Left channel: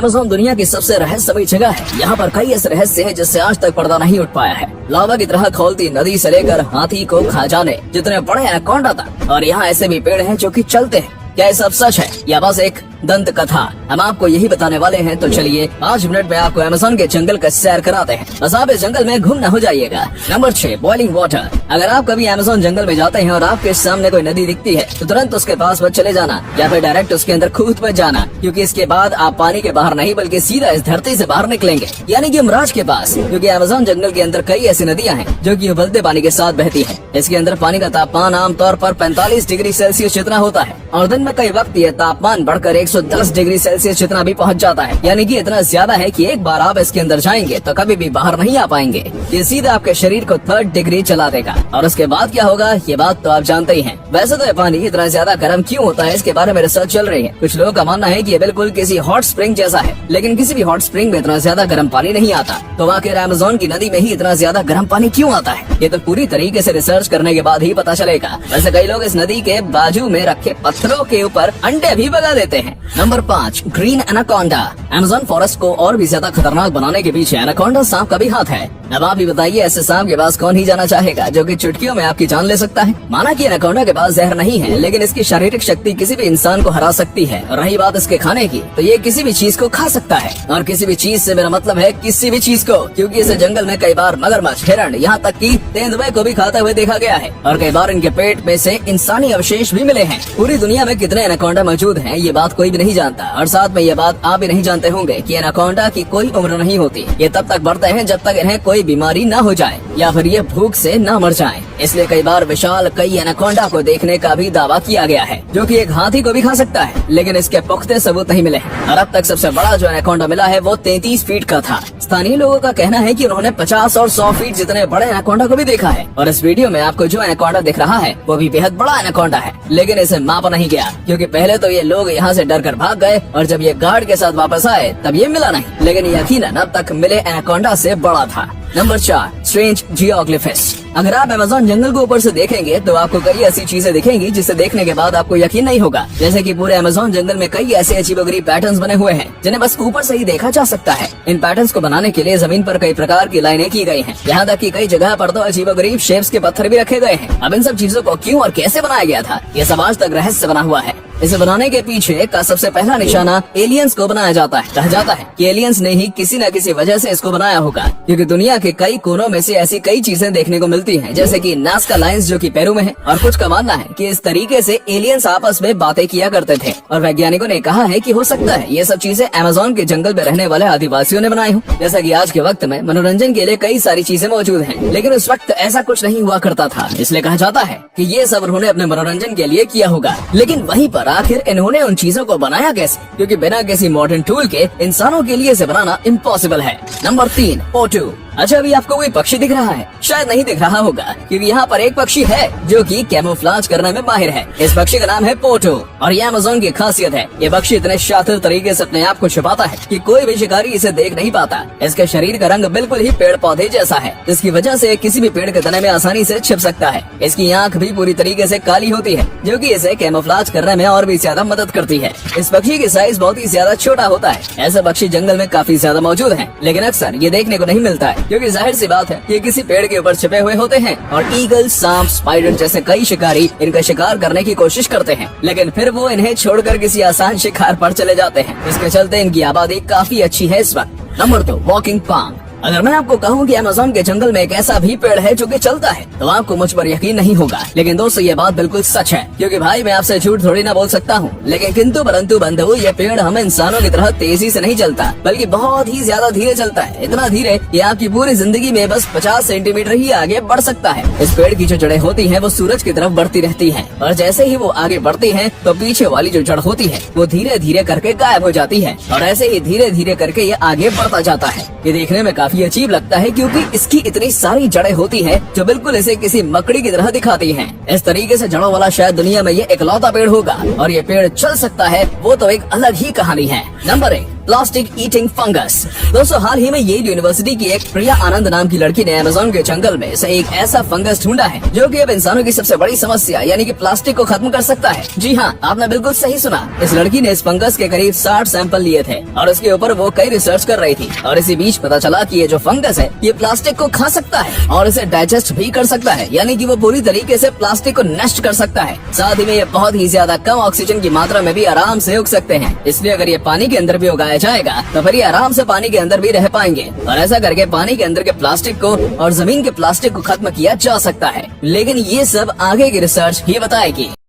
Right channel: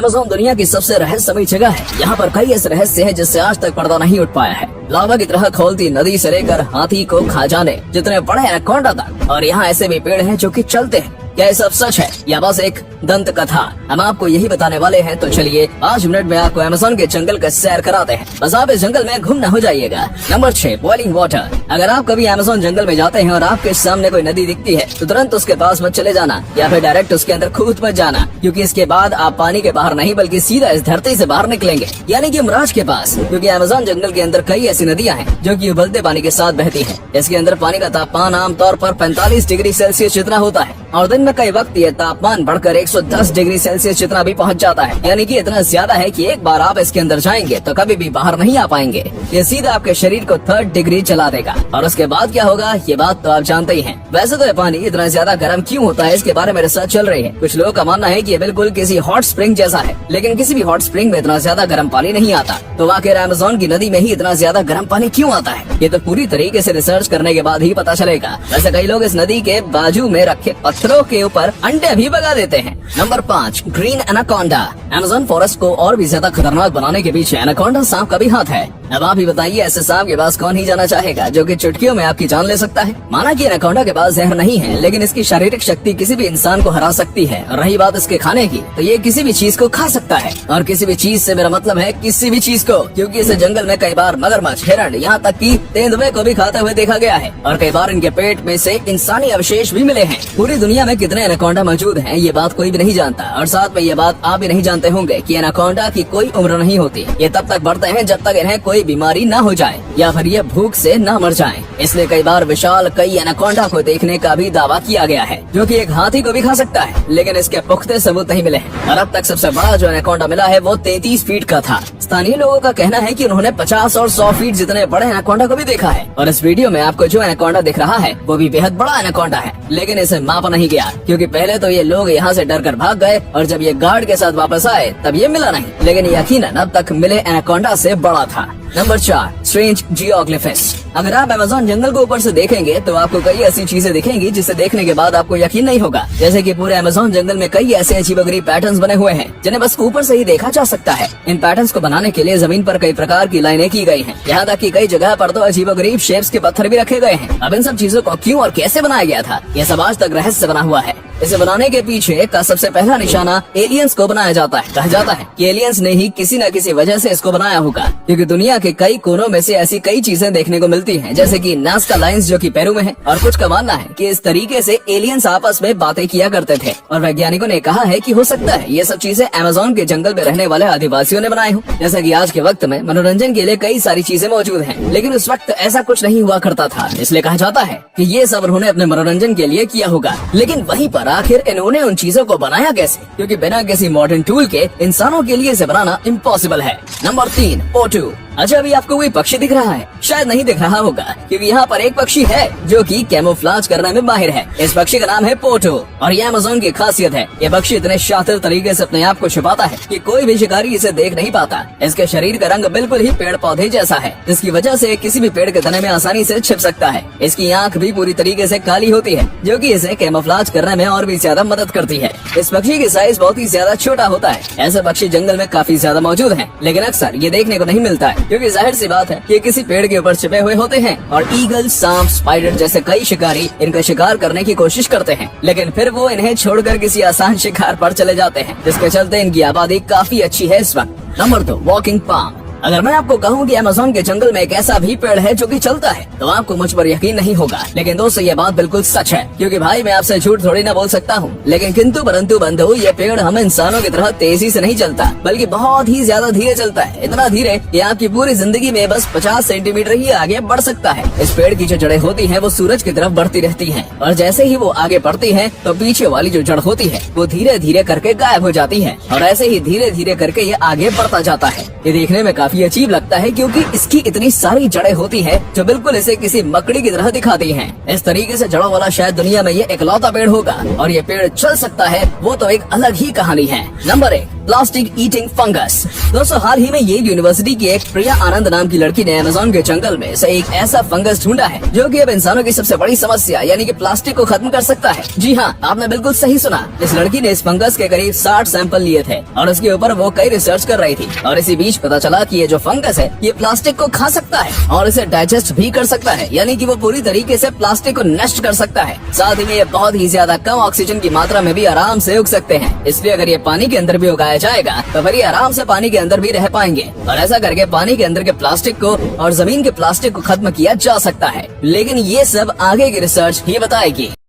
Amazon दुनिया की सबसे रहस्यमयी जगह है। यहाँ पर कई ऐसे रहस्य हैं जिससे आज तक पर्दा नहीं उठ पाया है। लावा की तरह खोलती नदी से लेकर हाथी को खा जाने जितने बड़े एनाकोंडा तक, और यहाँ ऐसे भी पेड़ हैं जो कि चलते हैं। क्या ये सब सच है या बस एक दंत कथा? हम आपको यही बताने वाले हैं। तो चलिए 5 मिनट में आपको अमेज़न के जंगल का सैर कराते हैं। बस आप इस जंगल में गुम न हो जाइएगा। Number 6, boiling water. अगर आप कभी अमेज़न जंगल में जाते हैं और आपके सामने कोई नदी दिखती है तो तुरंत उसके पास मत चले जाना या फिर डायरेक्ट उसके अंदर कूद मत जाना, क्योंकि इसके बाद आप पानी के बाहर नहीं बल्कि सीधा इस धरती से बाहर निकलेंगे, यानी कि यमराज के पास। क्योंकि अमेज़न जंगल के अंदर कई ऐसी नदियाँ हैं जो कि उबलते पानी के साथ बहती है। इसके अंदर पानी का तापमान आमतौर पर 45 डिग्री सेल्सियस जितना होता है और दिन में कई वक्त ये तापमान बढ़कर 110 डिग्री सेल्सियस जितना भी पहुंच जाता है, यानी कि इतना ज्यादा है कि एक बार आप इसके अंदर जाएंगे तो कभी भी बाहर नहीं आ पाएंगे। ये सीधा आपके शरीर को 3rd डिग्री चला देगा। और उसके बाद क्या होगा ये बात तो आप जानते ही हैं। वैसे तो ये पानी इतना ज्यादा गर्म क्यों होता है इसके बारे में रिसर्च चल रही है। कुछ लोगों का मानना है कि ये बिल्कुल किसी हॉट स्प्रिंग जैसा है, लेकिन किसी भी हॉट स्प्रिंग में इतना ज्यादा गर्म पानी नहीं आता। तो आखिर अमेज़न की नदी में ही इतना ज्यादा गर्म पानी क्यों आता है, ये तो पूरी तरीके से रिसर्च करने के बाद ही पता चलेगा। वैसे कई लोग इस नदी के बाजू में रखे पत्थरों के ऊपर अंडे भी भगा देते हैं। Number 5, green anaconda. Amazon forest को और भी ज्यादा खतरनाक बनाने के पीछे एनाकोंडा सांप का भी हाथ है। अब आप ही बताइए, ऐसे सांप के पास कौन ही जाना चाहेगा जो कि चुटकियों में आपकी जान ले सकता है। माना कि एनाकोंडा के पास जहर नहीं है, लेकिन इसकी शारीरिक शक्ति किसी भी इंसान को हरा सकती है। और रही बात इसके खाने की, तो ये किसी भी चीज को खा सकता है। और किसी भी चीज से मेरा मतलब है किसी भी चीज को, क्योंकि इसे जंगल में कई बार मगरमच्छ, हिरण, यहाँ तक कि तेंदुए को भी खाते हुए देखा गया है। और कई बार इनके पेट में से इंसानी अवशेष भी मिले हैं। पूरी दुनिया में कितने एनाकोंडा मौजूद हैं ये बात कोई भी नहीं जानता। और साथ में ये बात आप भी नहीं जानते होंगे कि एनाकोंडा की कोई उम्र नहीं होती। ये तब तक बढ़ते हैं जब तक इन्हें कोई बीमारी न हो जाए या फिर ये भूख से न मर जाएं। इसलिए कई बार विशाल कई एनाकोंडा को देखने का भी दावा किया गया है, जो कि एक हाथी को भी खा सकता है, लेकिन इसके पुख्ते सबूत नहीं मिले हैं। और अब तक सबसे बड़ा जो एनाकोंडा मिला है वो 33 फीट का था। स्थानीय लोगों का कहना है कि उन्होंने 50 और 100 फीट जितने बड़े एनाकोंडा को भी देखा है। और इस वीडियो में आपको जो एनाकोंडा दिख रहा है वो भी बेहद बड़ा एनाकोंडा है, लेकिन इसे मापा नहीं गया, क्योंकि पहले तो ये लोग यहाँ से डर कर भाग गए और जब ये गार्ड के साथ वापस आए तब ये मिला नहीं, लेकिन यकीनन अब तक मिले एनाकोंडा से बड़ा था। Number 4, strange geoglyphs. अगर आप अमेज़न जंगल को ऊपर से देखेंगे तो आपको कई ऐसी चीजें दिखेंगी जिसे देखने के बाद आपको यकीन नहीं होगा। जैसे कि पूरे अमेज़न जंगल में कई ऐसे अजीबोगरीब पैटर्न्स बने हुए हैं जिन्हें बस ऊपर से ही देखा जा सकता है। इन पैटर्न्स को बनाने के लिए जमीन पर कई प्रकार की लाइनें की गई हैं। यहाँ तक कि कई जगह पर तो अजीबोगरीब शेप्स के पत्थर भी रखे गए हैं। अब इन सब चीजों को क्यों और कैसे बनाया गया था ये सब आज तक रहस्य बना हुआ है। इसे बनाने के पीछे का सबसे पहला निशाना एलियंस को बनाया जाता है। कहा जाता है कि एलियंस ने ही किसी न किसी वजह से इसको बनाया होगा, क्योंकि दुनिया के कई कोनों में से ऐसी कई चीजें देखने को मिलती हैं, जैसे कि नाज़का लाइंस जो कि पेरू में है। और कुछ का मानना है कि इस तरीके से एलियंस आपस में बातें किया करते थे। और वैज्ञानिकों ने कहा है कि हो सकता है ये सब चीजें अमेज़न के जंगल में रहने वाले आदिवासियों ने बनाई हो। जैसा कि आज के वक्त में मनोरंजन के लिए कई सारी चीजें मौजूद हैं, लेकिन उस वक्त ऐसा कुछ नहीं हुआ करता था, इसलिए कहा जाता है कि ये सब उन्होंने अपने मनोरंजन के लिए किया होगा। लेकिन वहीं पर आखिर इन्होंने उन चीजों को बनाया कैसे, क्योंकि बिना किसी मॉडर्न टूल के इंसानों के लिए इसे बनाना इम्पॉसिबल है। नंबर 3, पोटू। अच्छा, अभी आपको कोई पक्षी दिख रहा है? शायद नहीं दिख रहा होगा, क्योंकि यहाँ पर एक पक्षी है जो कि कैमोफ्लेज करने में माहिर है। इस पक्षी का नाम है पोटू और ये अमेज़न की खासियत है। ये पक्षी इतने शातिर तरीके से अपने आप को छुपाता है कि कोई भी शिकारी इसे देख नहीं पाता। इसके शरीर का रंग बिल्कुल ही पेड़ पौधे जैसा है, जिसकी वजह से किसी भी पेड़ के तने में आसानी से छिप सकता है। इसकी आँख भी पूरी तरीके से काली होती है, जो कि इसे कैमोफ्लेज करने में और भी ज्यादा मदद करती है। इस पक्षी की साइज बहुत ही ज्यादा छोटा होता है। ऐसे पक्षी जंगल में काफी ज्यादा मौजूद हैं, लेकिन अक्सर ये देखने को नहीं मिलता है, क्योंकि जाहिर सी बात है ये किसी पेड़ के ऊपर छिपे हुए होते हैं। और ईगल, सांप, स्पाइडर जैसे कई शिकारी इनका शिकार करने की कोशिश करते हैं, लेकिन फिर वो इन्हें छोड़कर किसी आसान शिकार पर चले जाते हैं, जिसके चलते इनकी आबादी काफी अच्छी है इस वक्त। Number 2, walking palm. अगर मैं आपको कहूँ कि अमेज़न के जंगल में एक ऐसा भी पेड़ है जो कि चलता है, तो आपको मुझ पर यकीन नहीं होगा। लेकिन दोस्तों ये बात बिल्कुल सच है, क्योंकि भाई मैं आपसे झूठ थोड़ी ना बोल सकता हूँ। लेकिन किंतु परंतु बंधु, ये पेड़ हम इंसानों की तरह तेजी से नहीं चलता, बल्कि बहुत ही ज्यादा धीरे चलता है। इतना धीरे कि आपकी पूरी जिंदगी में बस 50 सेंटीमीटर ही आगे बढ़ सकता है। इस पेड़ की जो जड़ें होती हैं वो सूरज की तरफ बढ़ती रहती हैं, और जैसे ही वो आगे बढ़ती हैं तो पीछे वाली जो जड़ होती है वो धीरे धीरे करके गायब हो जाती है, और ऐसे ही धीरे धीरे करके ये आगे बढ़ता जाता है। ये देखने में काफी अजीब लगता है, क्योंकि इसकी इतनी सारी जड़ें होती हैं जो बिल्कुल इसे किसी मकड़ी की तरह दिखाती हैं। इस तरीके से जड़ों वाला शायद दुनिया में ये इकलौता पेड़ होगा, और ये पेड़ चल सकता है वो तो एक अलग ही कहानी है। Number 1, plastic eating fungus. दोस्तों हाल ही में येल यूनिवर्सिटी की एक प्रिया आनंद नाम की लड़की ने अमेज़न के जंगल में से एक ऐसा फंगस ढूंढा है जो कि अब इंसानों की सबसे बड़ी समस्या यानी कि प्लास्टिक को खत्म कर सकता है। जी हाँ, आपने बिल्कुल सही सुना। इस लड़की ने इस फंगस के करीब 60 सैंपल लिए थे और उसके ऊपर वो कई रिसर्च कर रही थी और इसी बीच पता चला कि ये जो फंगस है ये प्लास्टिक को खा सकता है और इसे डाइजेस्ट भी कर सकता है, यानी कि वो पूरी तरीके से प्लास्टिक को नष्ट कर सकता है। साथ ही में ये बहुत ही ज्यादा कम ऑक्सीजन की मात्रा में भी आराम से उग सकते हैं, इसलिए अगर ये पानी के अंदर भी उगाया जाएगा तो फिर ये आराम से पानी के अंदर भी रह पाएंगे और ऐसा करके पानी के अंदर के प्लास्टिक को और जमीन के प्लास्टिक को खत्म किया जा सकता है। लेकिन ये सब आगे की रिसर्च ही बताएगी।